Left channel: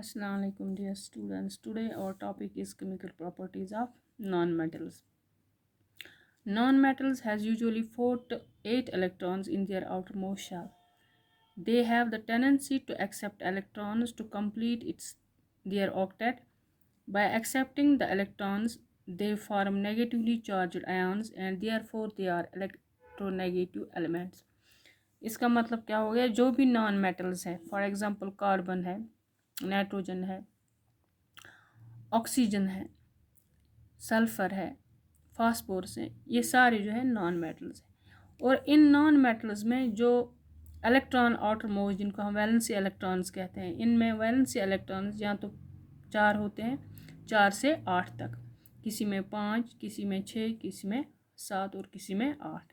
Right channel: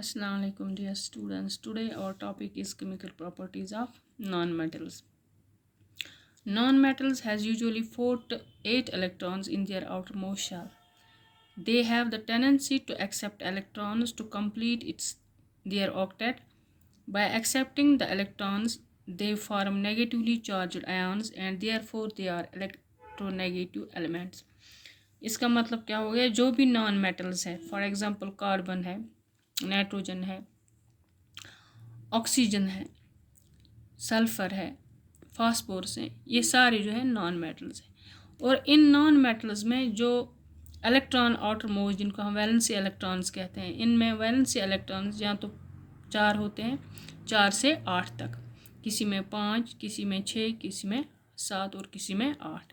Assalamu alaikum dear students. Today our topic is chemical properties of nonmetals. Nonmetals has usually 4 to 8 electrons in their outermost shell. They have the tendency to accept electrons to complete their octet. By accepting the electrons, they form negatively charged ions and therefore they are electronegative elements. इसका मतलब क्या हो गया, जो भी non metals है, for example carbon है, nitrogen है, ऑक्सीजन है, सल्फ़र है, फास्फोरस है, ये सारे जो है नॉन मेटल्स हैं। और इन नॉन मेटल्स में जो इलेक्ट्रॉन आउटर मोस्ट, जिनको हम वैलेंसी इलेक्ट्रॉन्स कहते हैं, इनमें वैलेंसी इलेक्ट्रॉन्स या तो 4 होते हैं, 4 से 8 तक, किसी में 5, किसी में 6, किसी में 7 और किसी में 8।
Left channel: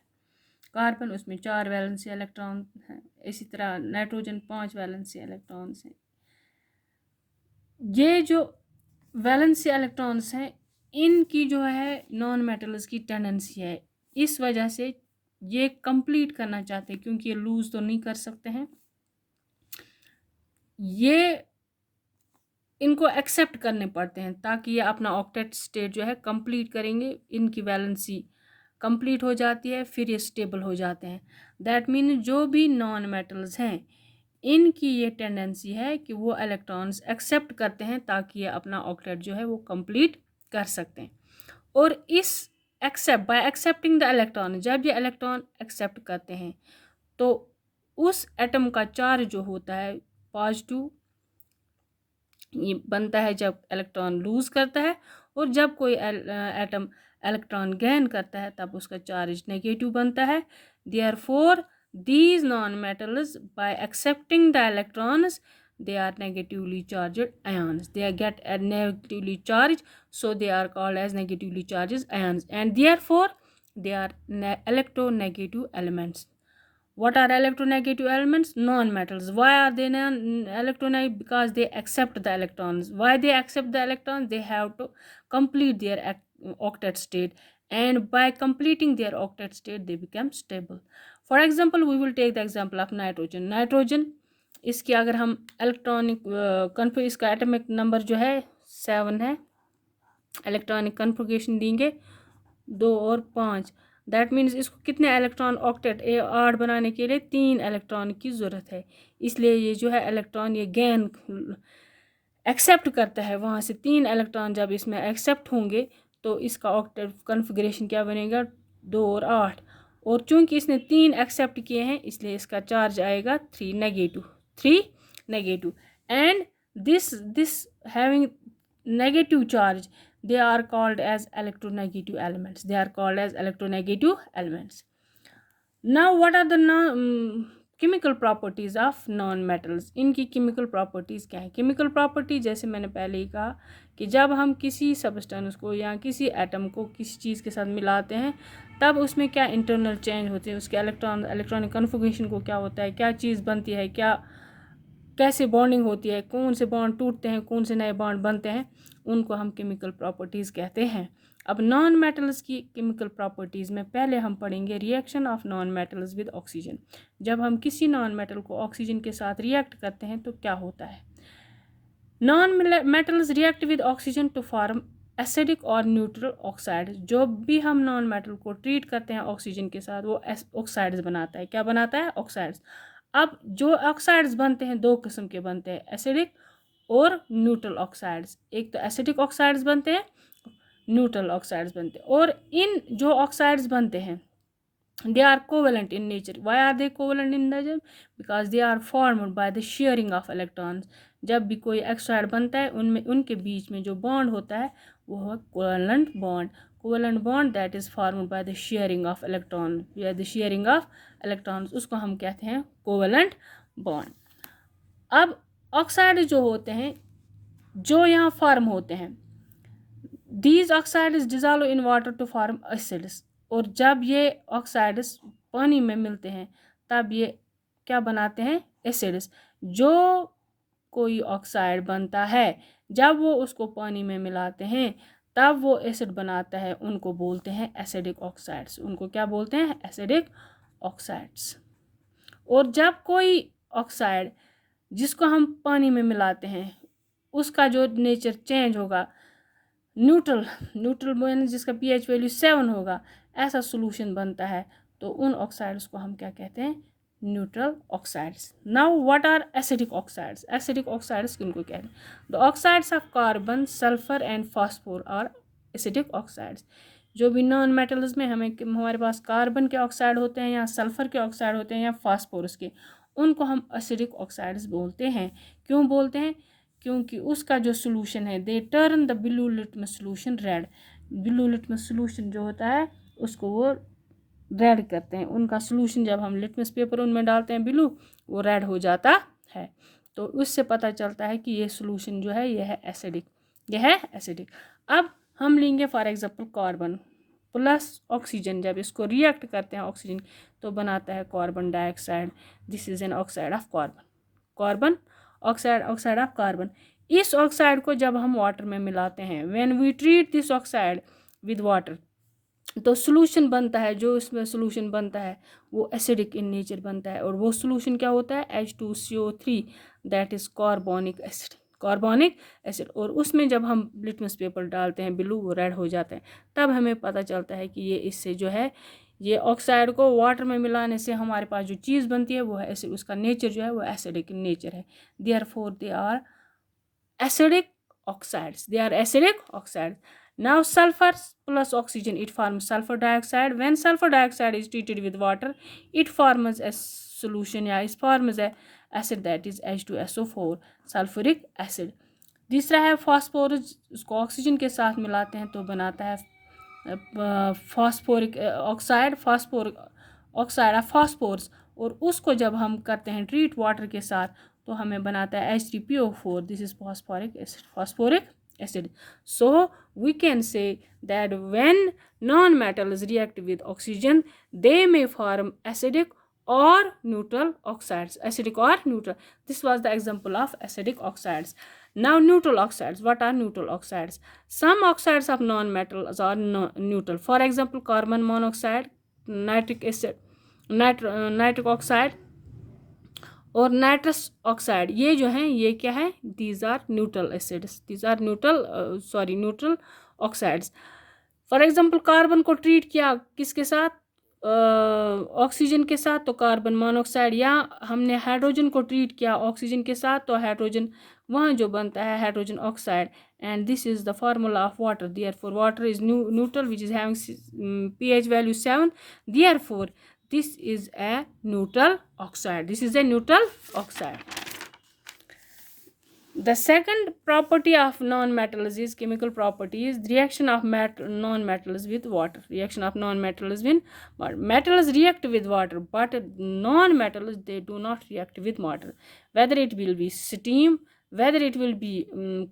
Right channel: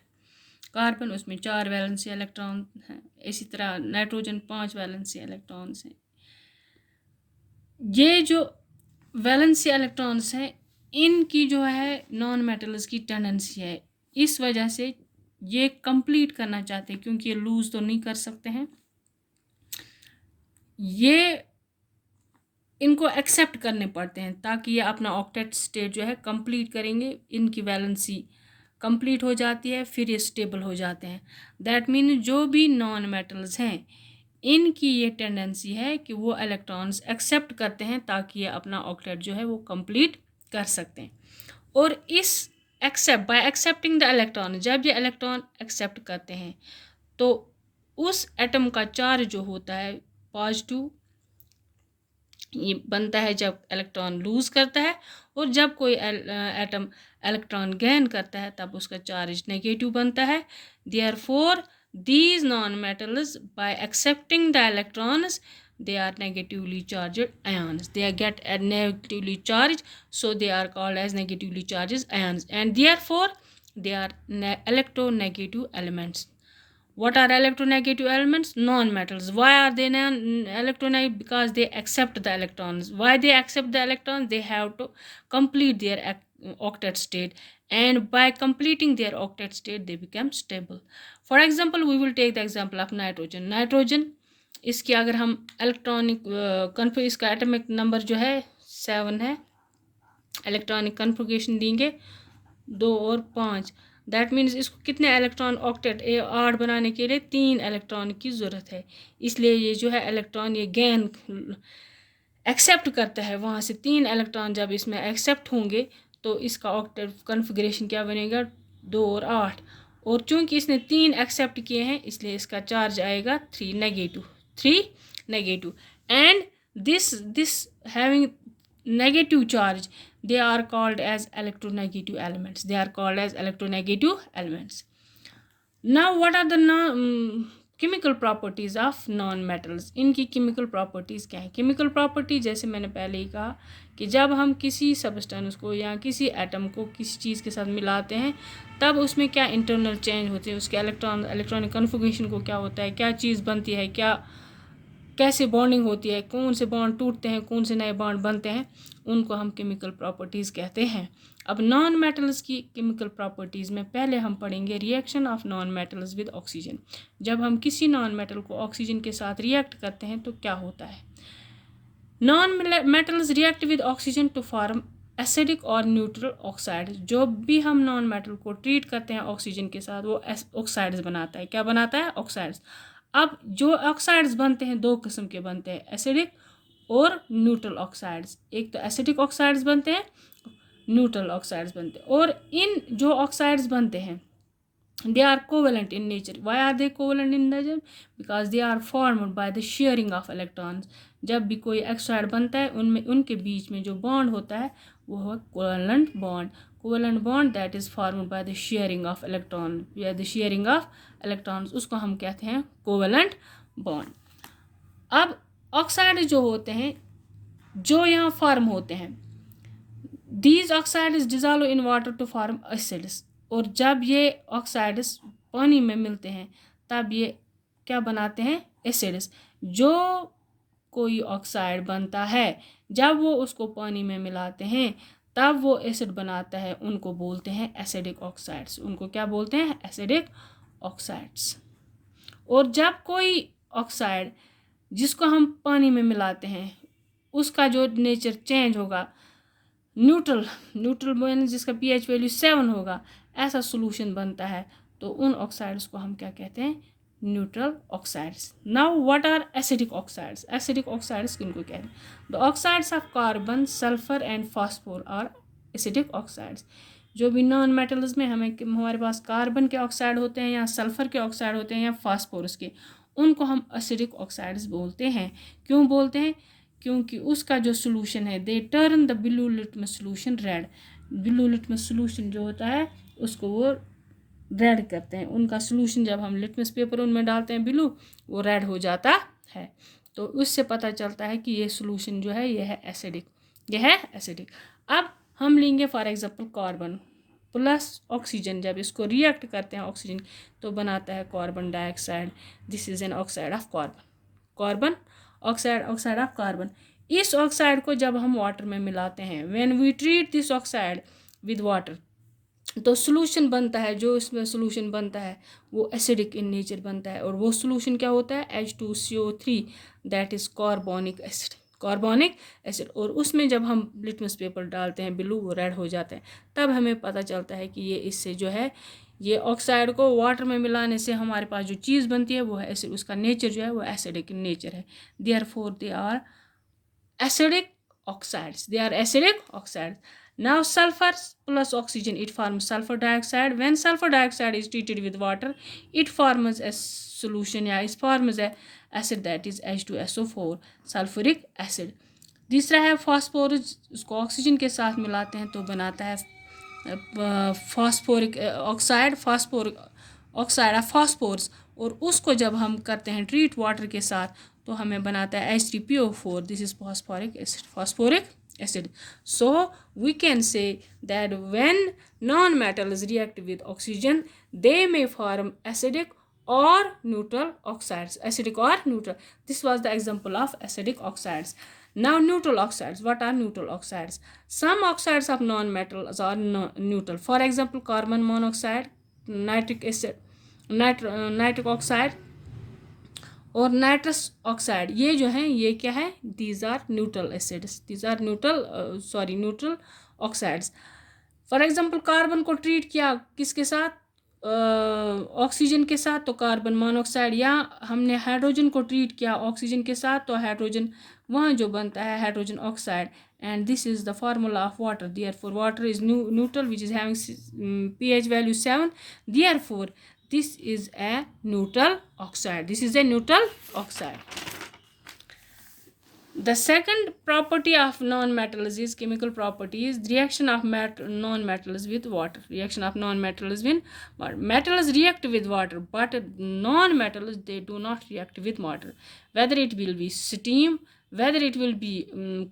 कार्बन, उसमें 4 वैलेंसी इलेक्ट्रॉन हैं। इसी तरह नाइट्रोजन 5 वैलेंसी इलेक्ट्रॉन्स हैं। ये जो वैलेंसी इलेक्ट्रॉन्स हैं, इनकी जो है नॉन मेटल्स की टेंडेंसी है, इस वजह से ये कंप्लीट करना चाहते हैं, क्योंकि ये लूज़ तो नहीं कर सकते हैं, ये इनको एक्सेप्ट करने पड़ते हैं ताकि ये अपना ऑक्टेट स्टेट जो है कंप्लीट करेंगे। इनकी वैलेंसी कंप्लीट हो जाती है, फिर ये स्टेबल हो जाते हैं। दैट मीन जो भी नॉन मेटल्स हैं, इनकी ये टेंडेंसी है कि वो इलेक्ट्रॉन्स एक्सेप्ट करते हैं ताकि ये अपना ऑक्टेट जो है वो कंप्लीट कर सकते हैं। और इस बाय एक्सेप्टिंग द इलेक्ट्रॉन, जब ये इलेक्ट्रॉन एक्सेप्ट करते हैं तो उस एटम का चार्ज जो होता है पॉजिटिव, ये बनता है जब इलेक्ट्रॉन लूज़ करता है, और जब कोई एटम इलेक्ट्रॉन गेन करता है तब उसका चार्ज नेगेटिव बनता है। Therefore these non-metals, by accepting the electrons, they are negatively charged ions. They get negatively charged, so they are called as negatively charged ions, and therefore they are electronegative elements. What are electronegative elements? Non-metals. Why are they electronegative? Because they accept the electrons. Why they accept the electrons? They have to complete their octet state, and by completing their octet state they become stable. For example we will take the example of nitrogen. इसकी अगर हम electronic इसका atomic number जो है 7 है, electronic configuration देंगे 2 और 5। That means इसको कितने इलेक्ट्रॉन ऑक्टेट 8 बनाने के लिए 3 इलेक्ट्रॉन की ज़रूरत है। इसलिए ये जो है इलेक्ट्रॉन ये गेन एक्सेप्ट करता है, वहाँ से 3 इलेक्ट्रॉन जब इसमें एक्सेप्ट होंगे तो इसका ऑक्टेट कन्फिगरेशन क्या बनेगा, 2 और 8। और चूंकि इसने 3 एक्सेप्ट किए हैं इसलिए इसका चार्ज आएगा 3 negative. And this having negative charge, they are called as electronegative elements. Now what are the chemical properties of non-metals? इनकी chemical properties क्या है? chemical property जैसे मैंने पहले ही कहा कि जब हम किसी सब्सटेंस को या किसी एटम को किसी चीज़ के साथ मिलाते हैं तब उसमें क्या इंटरनल चेंज होते हैं, उसके इलेक्ट्रॉनिक कन्फिगरेशन को क्या होता है, क्या चीज़ बनती है, कैसे बॉन्डिंग होती है, कौन से बॉन्ड टूटते हैं, कौन से नए बॉन्ड बनते हैं, उनको हम केमिकल प्रॉपर्टीज़ कहते हैं। अब नॉन मेटल्स की केमिकल प्रॉपर्टीज़ में पहले हम पढ़ेंगे reaction of non metals with oxygen. जब हम किसी नॉन मेटल को ऑक्सीजन के साथ रिएक्ट करते हैं तो क्या होता है। Non metals react with oxygen to form acidic और न्यूट्रल ऑक्साइड। जो भी हम नॉन मेटल को ट्रीट करते हैं ऑक्सीजन के साथ वो ऑक्साइड्स बनाता है। क्या बनाता है? ऑक्साइड्स। अब जो ऑक्साइड्स बनते हैं 2 किस्म के बनते हैं, एसिडिक और न्यूट्रल ऑक्साइड्स। एक तो एसिडिक ऑक्साइड्स बनते हैं, न्यूट्रल ऑक्साइड्स बनते हैं। और इन जो ऑक्साइड्स बनते हैं they are covalent in nature. Why are they covalent in nature? Because they are formed by the sharing of electrons. जब भी कोई ऑक्साइड बनता है उनमें उनके बीच में जो बॉन्ड होता है वो है covalent bond that is formed by the sharing of electron, या द शेयरिंग ऑफ इलेक्ट्रॉन्स, उसको हम कहते हैं कोवेलेंट बॉन्ड। अब ऑक्साइड जो होते हैं जो यहाँ फॉर्म होते हैं, these oxides dissolve in water to form acids. और जब ये ऑक्साइड्स पानी में मिलते हैं तब ये क्या बनाते हैं? एसिड्स। जो कोई ऑक्साइड बनता है जब वो उसको पानी में मिलाते हैं तब वो एसिड बनाता है, उनको बोलते हैं एसिडिक ऑक्साइड्स। उनको क्या बोलते हैं? Acidic oxides. और जब कोई ऑक्साइड जिसको हम पानी में मिलाते हैं उसका जो नेचर चेंज होगा, न्यूट्रल न्यूट्रल मीन्स जिसका pH वैल्यू 7 होगा, ऐसा सोल्यूशन बनता है, तो उन ऑक्साइड्स को हम क्या कहते हैं, neutral oxides. Now what are acidic oxides? Acidic oxides किनको कहते हैं? The oxides of carbon, sulphur and phosphor are acidic oxides. जो भी नॉन मेटल्स में हमारे पास कार्बन के ऑक्साइड होते हैं या सल्फर के ऑक्साइड होते हैं या फास्फोरस के, उनको हम एसिडिक ऑक्साइड्स बोलते हैं। क्यों बोलते हैं? क्योंकि उसका जो सोल्यूशन है, they turn the blue litmus solution red. Blue litmus solution जो होता है उसको वो रेड करते हैं। उनका सोल्यूशन जब हम लिटमस पेपर उनमें डालते हैं ब्लू, वो रेड हो जाता है। तो उससे पता चलता है कि ये सोल्यूशन जो है ये है एसिडिक, ये है एसिडिक। अब हम लेंगे for example carbon plus oxygen, जब इसको रिएक्ट करते हैं ऑक्सीजन तो बनाता है carbon dioxide. This is an oxide of carbon, carbon oxide, oxide of carbon. इस ऑक्साइड को जब हम वाटर में मिलाते हैं, when we treat this oxide with water, तो सोल्यूशन बनता है, जो इसमें सोल्यूशन बनता है वो एसिडिक इन नेचर बनता है। और वो सोल्यूशन क्या होता है, H2CO3, that is carbonic acid, carbonic acid. और उसमें जब हम लिटमस पेपर डालते हैं ब्लू, वो रेड हो जाते हैं। तब हमें पता चलता है कि ये इससे जो है, ये ऑक्साइड को वाटर में मिलाने से हमारे पास जो चीज़ बनती है वो है एसिड, उसका नेचर जो है वो एसिडिक इन नेचर है। Therefore they are acidic oxides, they are acidic oxides. Now sulfur plus oxygen, it forms sulfur dioxide. When sulfur dioxide is treated with water, it forms a solution, yeah, it forms a acid that is H2SO4, sulfuric acid. दूसरा है phosphorus, उसको oxygen के साथ मिलाते हैं तो बनाता है phosphoric oxide, phosphoric oxide of phosphorus. और उसको जब हम करते हैं ट्रीट वाटर के साथ तो हमें बनाता है H3PO4, this is phosphoric acid, phosphoric acid. So we can say that when non metals react with oxygen they may form acidic or neutral oxides, acidic or neutral. This was the example of acidic oxides. Now neutral oxides, what are neutral oxides? Some oxides of non-metals are neutral, for example carbon monoxide, nitric acid, nitric oxide और nitrous oxide, ये जो हैं ये क्या है, these are neutral acids, these are neutral oxides. For example carbon को treat किया किसके साथ, ऑक्सीजन के साथ, तो कार्बन मोनोऑक्साइड। या हमने हाइड्रोजन को ट्रीट किया ऑक्सीजन के साथ तो हाइड्रोजन वहाँ जो बनता है hydrogen oxide. And this is the formula of water, therefore water is neutral which is having pH value 7, therefore this is a neutral oxide, this is a neutral oxide. The second property of non-metals is chemical properties, reaction of non-metals with water, reaction of non-metals with water. Metals react with water, but non-metals they do not react with water, whether it will be steam, whether it will be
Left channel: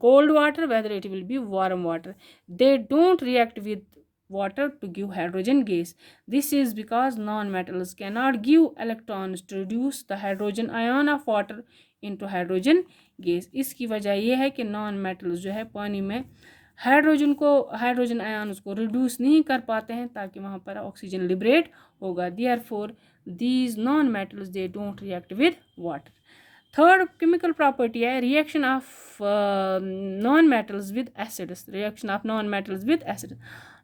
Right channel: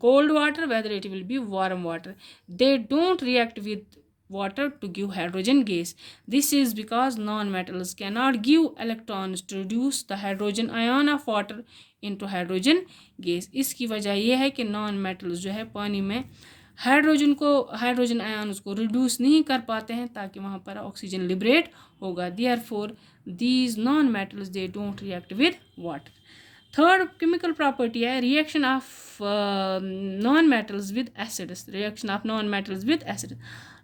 cold water, whether it will be warm water, they don't react with water to give hydrogen gas. This is because non-metals cannot give electrons to reduce the hydrogen ion of water into hydrogen gas. इसकी वजह यह है कि non metals जो है पानी में hydrogen ion उसको रिड्यूस नहीं कर पाते हैं ताकि वहाँ पर ऑक्सीजन लिबरेट होगा। Therefore these non metals they don't react with water. Third chemical property है reaction of non metals with acids, reaction of non metals with acids.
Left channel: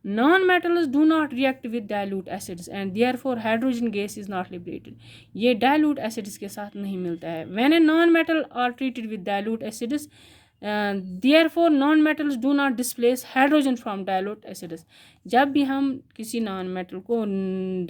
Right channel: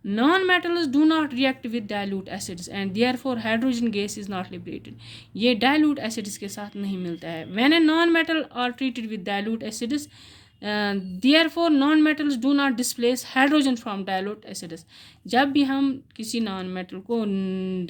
Non-metals do not react with dilute acids and therefore hydrogen gas is not liberated. ये dilute acids के साथ नहीं मिलता है। When a non-metal are treated with dilute acids, therefore non-metals do not displace hydrogen from dilute acids. जब भी हम किसी non-metal को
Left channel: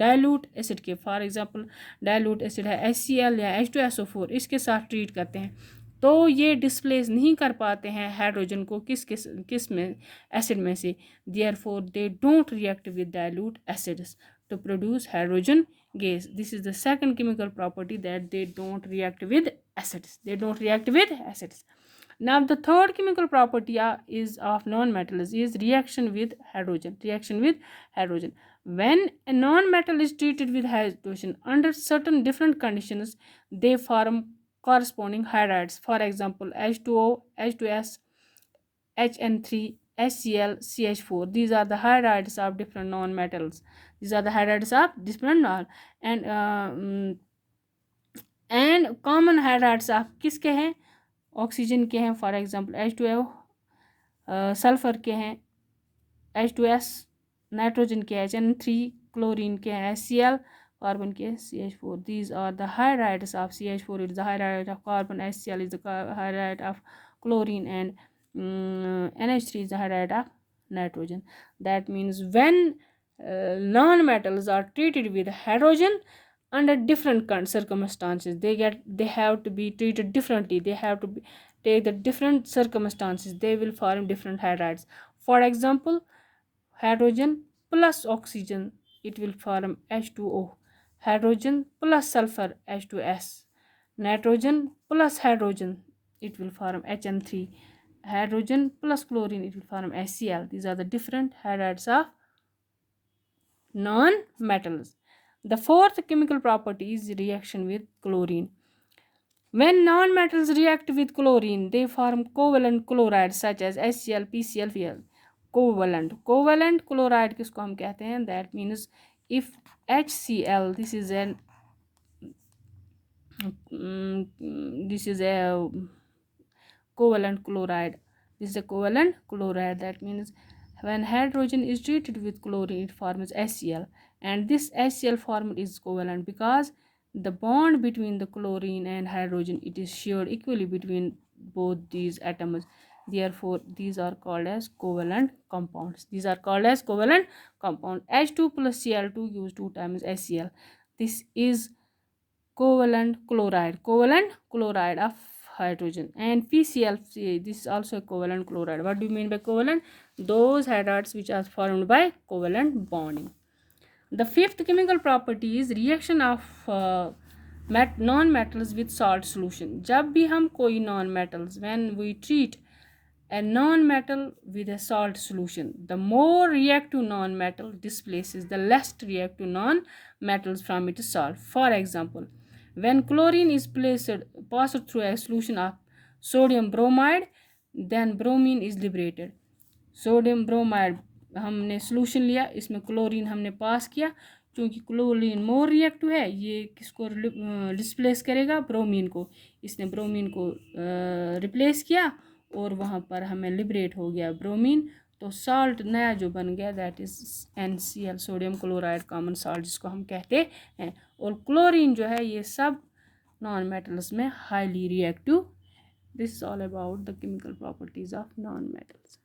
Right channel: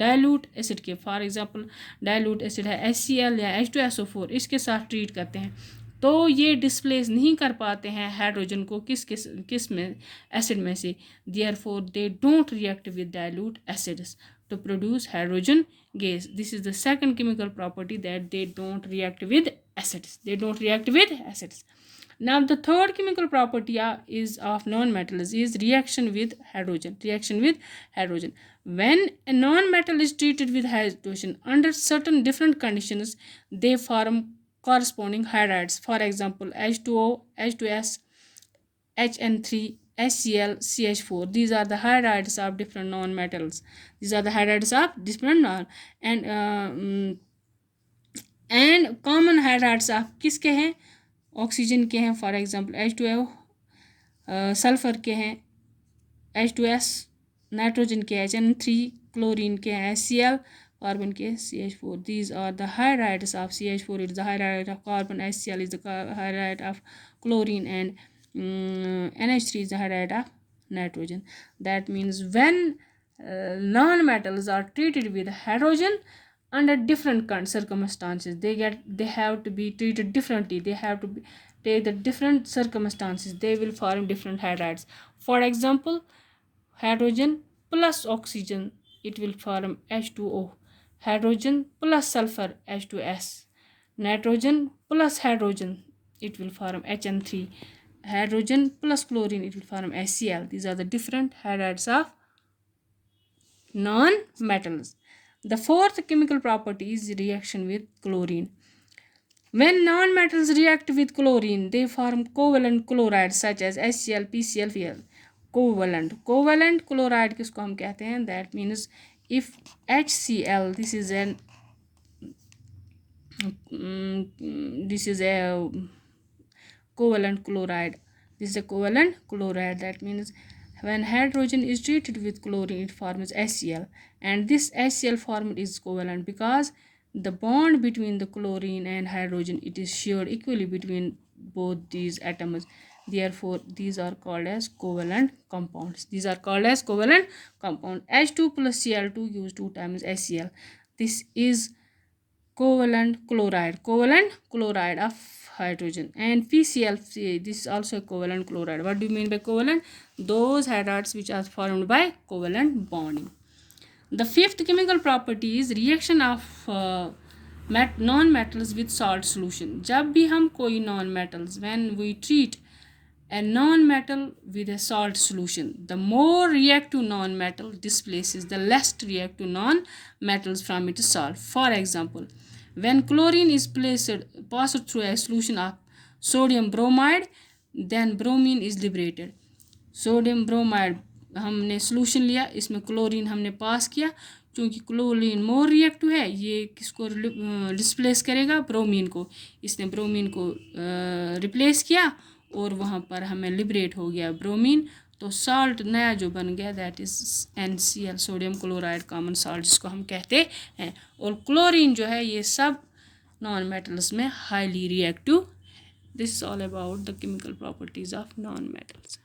dilute acid के, for example dilute acid है HCl या H2SO4, इसके साथ ट्रीट करते हैं तो ये डिस्प्लेस नहीं कर पाते हैं हाइड्रोजन को किस में, एसिड में से। Therefore they don't react with dilute acids to produce hydrogen gas. This is the second chemical property that they don't react with acids, they don't react with acids. Now the third chemical property is of non-metals is reaction with hydrogen, reaction with hydrogen. When a non-metal is treated with hydrogen under certain different conditions, they form corresponding hydrides, for example H2O, H2S, HN3, HCl, CH4. These are the hydrides of different non-metals, these are the hydrides of different non and common hydrides of किसके हैं, oxygen के हैं for example H2O, sulphur के हैं H2S, nitrogen के HN3, chlorine के हैं HCl, carbon के CH4. These are the hydrides of CH4 is the hydride of carbon, HCl is the hydride of chlorine, and NH3 is the hydride of nitrogen. That means when non-metals are treated with hydrogen under different circumstances, they have to be treated differently. They have to take the different circumstances. They will form different hydrides. For example, hydrogen plus oxygen, it will form H2O. Hydrogen plus sulfur, H2S. Nitrogen plus hydrogen, it will form HN3. Hydrogen plus chlorine, it will form HCl. These are the different hydrides of non-metals. The fourth chemical property is reaction with chlorine. When non-metals react with chlorine, they form covalent chlorides such as HCl, PCl, Cl. Covalent chloride किसको हम कहते हैं? That means if HCl, this is a covalent chloride. This is a covalent chloride. That means when hydrogen is treated with chlorine, it forms HCl, and this HCl form is covalent because the bond between the chlorine and hydrogen, it is shared equally between both these atoms. Therefore, these are called as covalent compounds. These are called as covalent compound. H2 plus Cl2 gives 2 times HCl. This is covalent chloride of hydrogen. And PCl, this is also a covalent chloride. What do you mean by covalent? Those hydrides which are formed by covalent bonding. The fifth chemical property is reaction of non-metals with salt solution. जब भी हम कोई non-metals, when we treat a non-metal with a salt solution, the more reactive non-metal displaces the less reactive non-metals from its salt. For example, when chlorine is passed through a solution of sodium bromide, then bromine is liberated. Sodium bromide हमने solution लिया, इसमें chlorine हमने पास किया, क्योंकि chlorine more reactive है, ये किसको displace करेगा? ब्रोमीन को. इसने ब्रोमीन को रिप्लेस किया और वहाँ पर हमें लिबरेट हो गया ब्रोमीन. तो साल्ट नया जो बन गया, that is NCl, sodium chloride common salt जिसको हम कहते हैं. और क्लोरीन जो है ये सब नॉन मेटल्स में highly reactive. This is all about the chemical properties of non metals.